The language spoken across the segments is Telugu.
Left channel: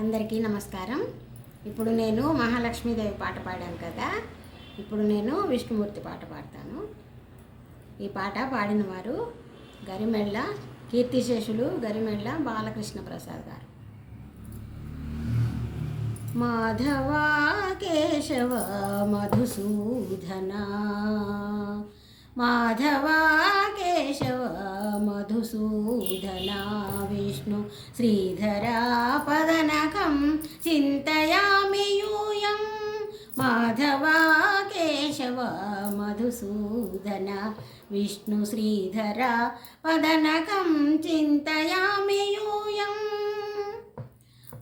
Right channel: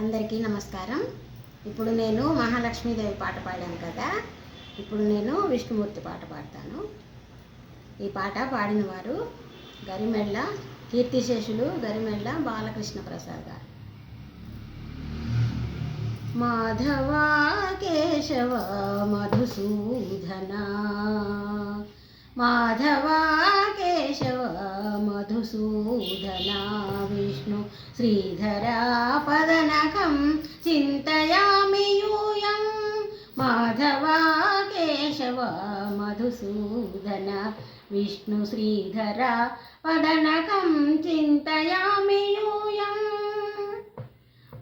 అందరికీ నమస్కారం. ఇప్పుడు నేను మహాలక్ష్మీదేవి పాట పాడాను కదా, ఇప్పుడు నేను విష్ణుమూర్తి పాట పాడతాను. ఈ పాట పాడిన వారు గరిమెళ్ళ కీర్తిశేషులు గరిమెళ్ళ బాలకృష్ణ ప్రసాద్ గారు. మాధవ కేశవ మధుసూదన, మాధవ కేశవ మధుసూదన, విష్ణు శ్రీధర పదనకం చింతయామి యూయం. మాధవ కేశవ మధుసూదన, విష్ణు శ్రీధర పదనకం చింతయామి యూయం.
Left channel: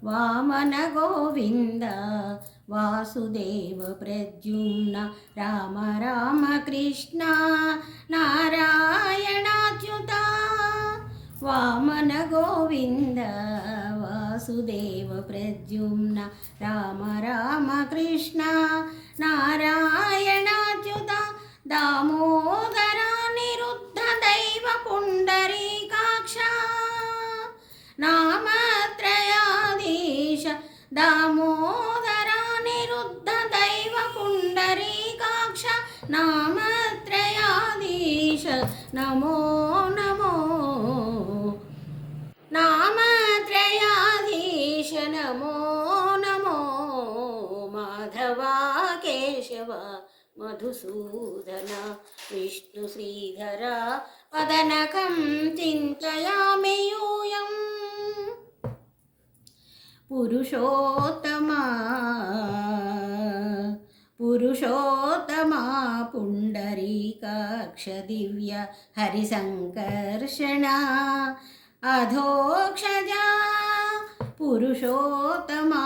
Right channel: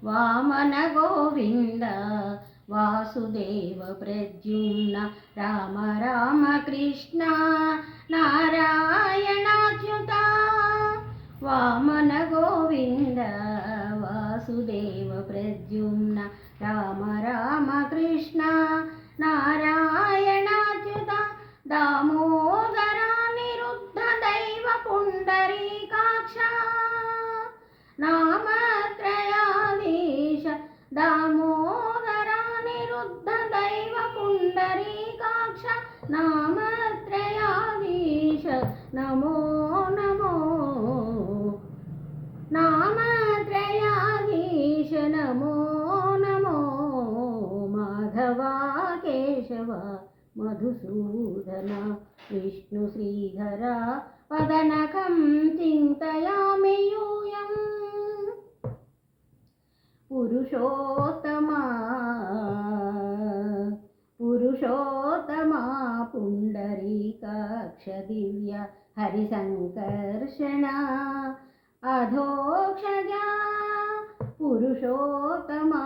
వామన గోవింద వాసుదేవ ప్రద్యుమ్న, రామ రామ కృష్ణ నారాయణాచ్యుత. వామన గోవింద వాసుదేవ ప్రద్యుమ్న, రామ రామ కృష్ణ నారాయణాచ్యుత. దామోదర నిరుద్ధ దైవ పుండరీకాక్ష, నామత్రయాధీశ దామోదర నిరుద్ధ దైవ పుండరీకాక్ష, నామత్రయాధీశ నమో నమో. నామత్రయాధీశ నమో నమో. మాధవ కేశవ మధుసూదన, విష్ణు శ్రీధర వదనకం చింతయామి యూయం. పురుషోత్తమా పురుషోత్తమా పుండరీకాక్ష దివ్య హరిసంకర్షణ అధోక్షజా. పురుషోత్తమా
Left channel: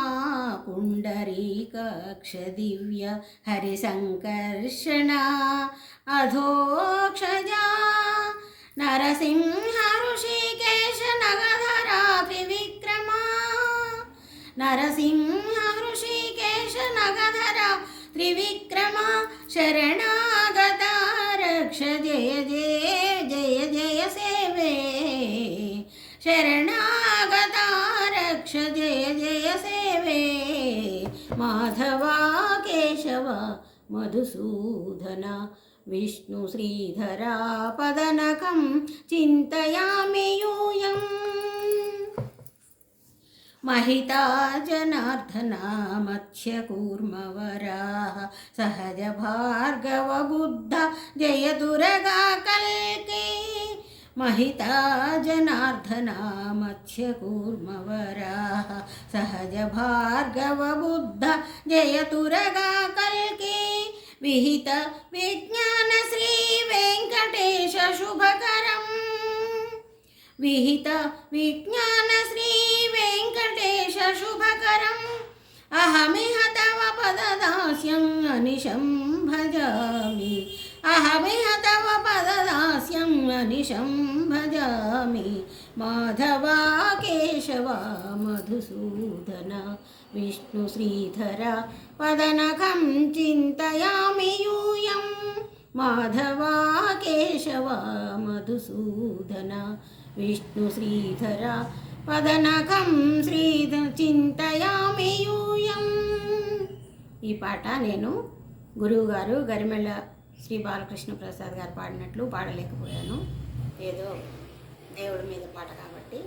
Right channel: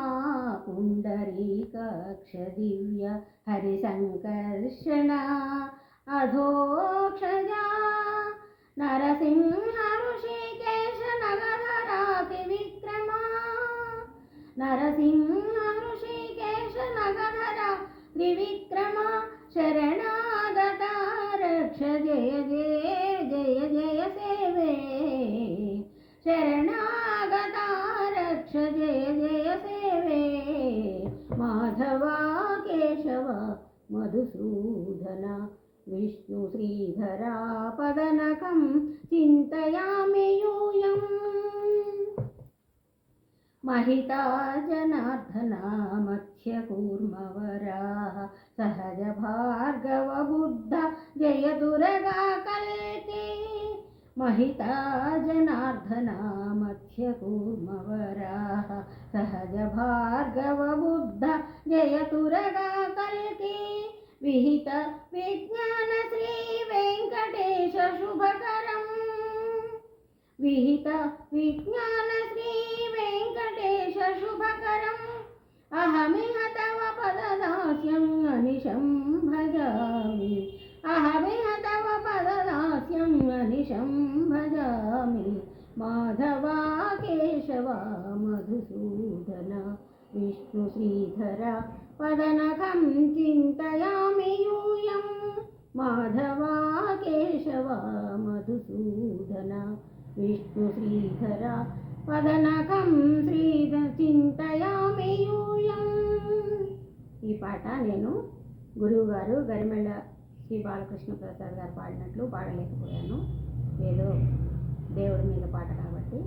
పుండరీకాక్ష దివ్య హరిసంకర్షణ అధోక్షజా. నరసింహ ఋషికేశ నగధరా త్రివిక్రమ, నరసింహ ఋషికేశ నగధర త్రివిక్రమ. శరణాగత రక్ష జయ జయ జయ జయ సేవే, శరణాగత రక్ష జయ జయ సేవే. మాధవ కేశవ మధుసూదన, విష్ణు శ్రీధర పదనకం చింతయామి యూయం. महिता जनार्दना मत्स्यकूर्मवराः, सहज भार्गव बुद्ध जय दुर्गा कल्की. महिता जनार्दना मत्स्यकूर्मवराः, सहज भार्गव बुद्ध जय दुर्गा कल्की. विहित विज्ञान श्री वेंकटेश शुभकरम्, विहित विज्ञान श्री वेंकटेश शुभकरम्. अहमिह तव पददास्यं अनिशं भजामि, अहमिह तव पददास्यं अनिशं भजामि. माधव केशव मधुसूदन, विष्णु श्रीधर पदनकं चिन्तयामि यूयं. माधव केशव मधुसूदन, विष्णु श्रीधर పదనకం చింతయామి యూయం. ఈ పాట నేను గురువుగారు గరిమెళ్ళ శ్రీ బాలకృష్ణ ప్రసాద్ గారు పాడినట్లు పాడలేకపోయాను. ఏదో దేవుడి మీద పాట కాబట్టి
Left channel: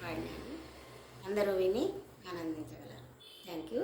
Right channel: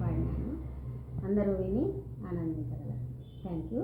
పాడినాను. అందరూ విని ఆనందించగలరు. Thank you.